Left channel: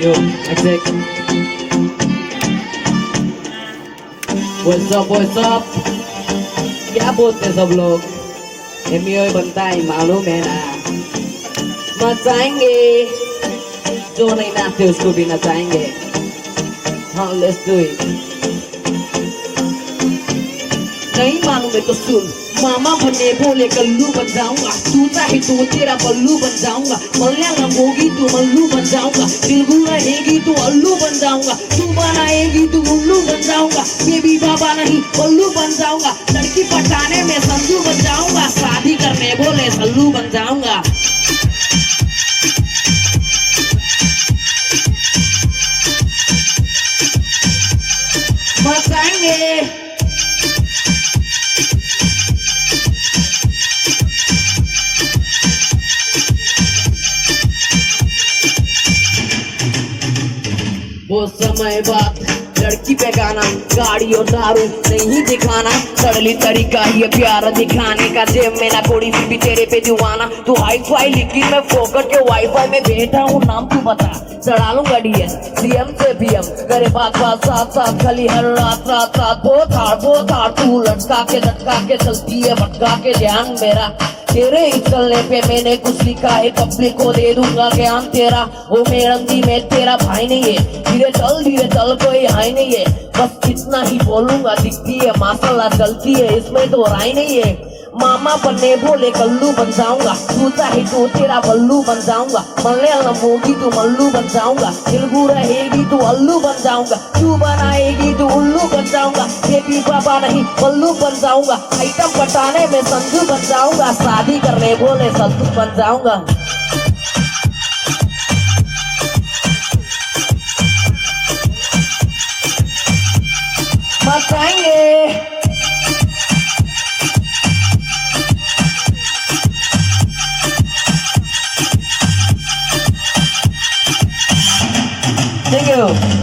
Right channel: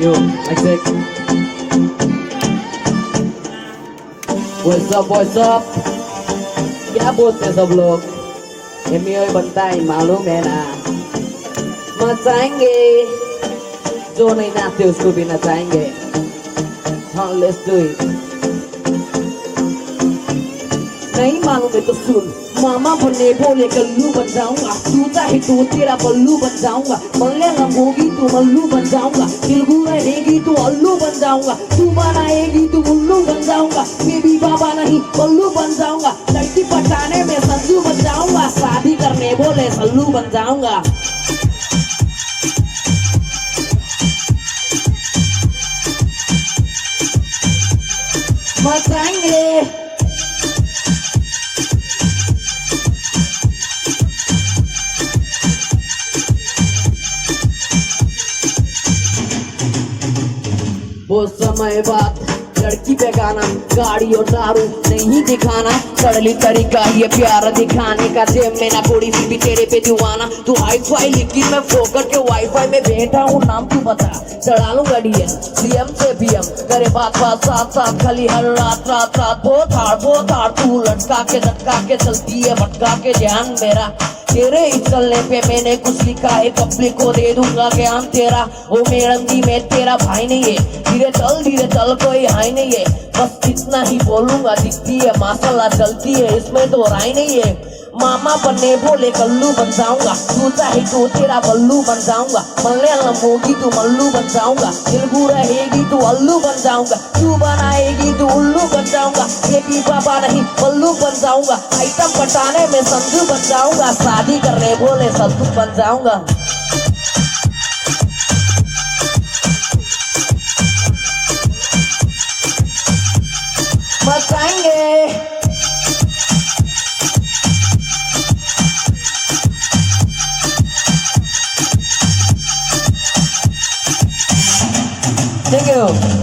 Yo, I check. What's up? क्या बोलते हैं सब लोग? एमियो बनता है मालूम है ना? नचाएंगे जो नहीं नाचते उसको भी नचाएंगे. हाँ, let's do it. नहीं मालूम है तो सुन. मामा बने बोले कल्लू बन जाऊंगा. तू चाहे तो तेरा बल्लू बन जाऊंगा. मलयालम होगी तो मल्लू बन जाऊंगा. तेलुगु रहेगी तो अल्लू बन जाऊंगा. तू बनाएगी तो उल्लू बन जाऊंगा. बेबी बाबा नहीं बल्लू बन जाऊंगा. लड़की पटाने में संजू बन जाऊंगा. शादी करने बोले सल्लू बन जाऊंगा. मचाएंगे वो समय बाद लड़की पे गाना, गाड़ी और दारू नहीं दिखाना. सरली तरीका ये प्यार दिखाने का. जेब में ना थोड़ी सी भी तेरे पे दीवाना. तू हाई फाई लिखी मैं फोकट के वाईफाई में बैठा हूँ. नाम तू बता चढ़ा लूंगा डीएम सीएम से पीएम. करे बात बात साथ साथ खाली हर रात रात रात. वो थाड़ तू लटका के चलती है भटका के ध्यान मेरा. तेरे इस चलने पे मैंने कुछ लिखा है. पब्लिक को दे दूंगा ज्ञान तेरा. वो मैडम जी मैं तेरा भाई नहीं है. धीरे चल कोई हाई नहीं है. बस इतना ही बोलूंगा. दिखती है माशाल्लाह चलती है इसमें तो राय नहीं है. मामा बनने बोले कल्लू बन जाऊंगा. तू चाहे तो तेरा बल्लू बन जाऊंगा. मलयालम होगी तो मल्लू बन जाऊंगा. तेलुगु रहेगी तो अल्लू बन जाऊंगा. तू बनाएगी तो उल्लू बन जाऊंगा. बेबी बाबा नहीं बल्लू बन जाऊंगा. आइटम पटाने में संजू बन जाऊंगा. शादी करने बोले सल्लू बन जाऊंगा. मचाएंगे Thank you.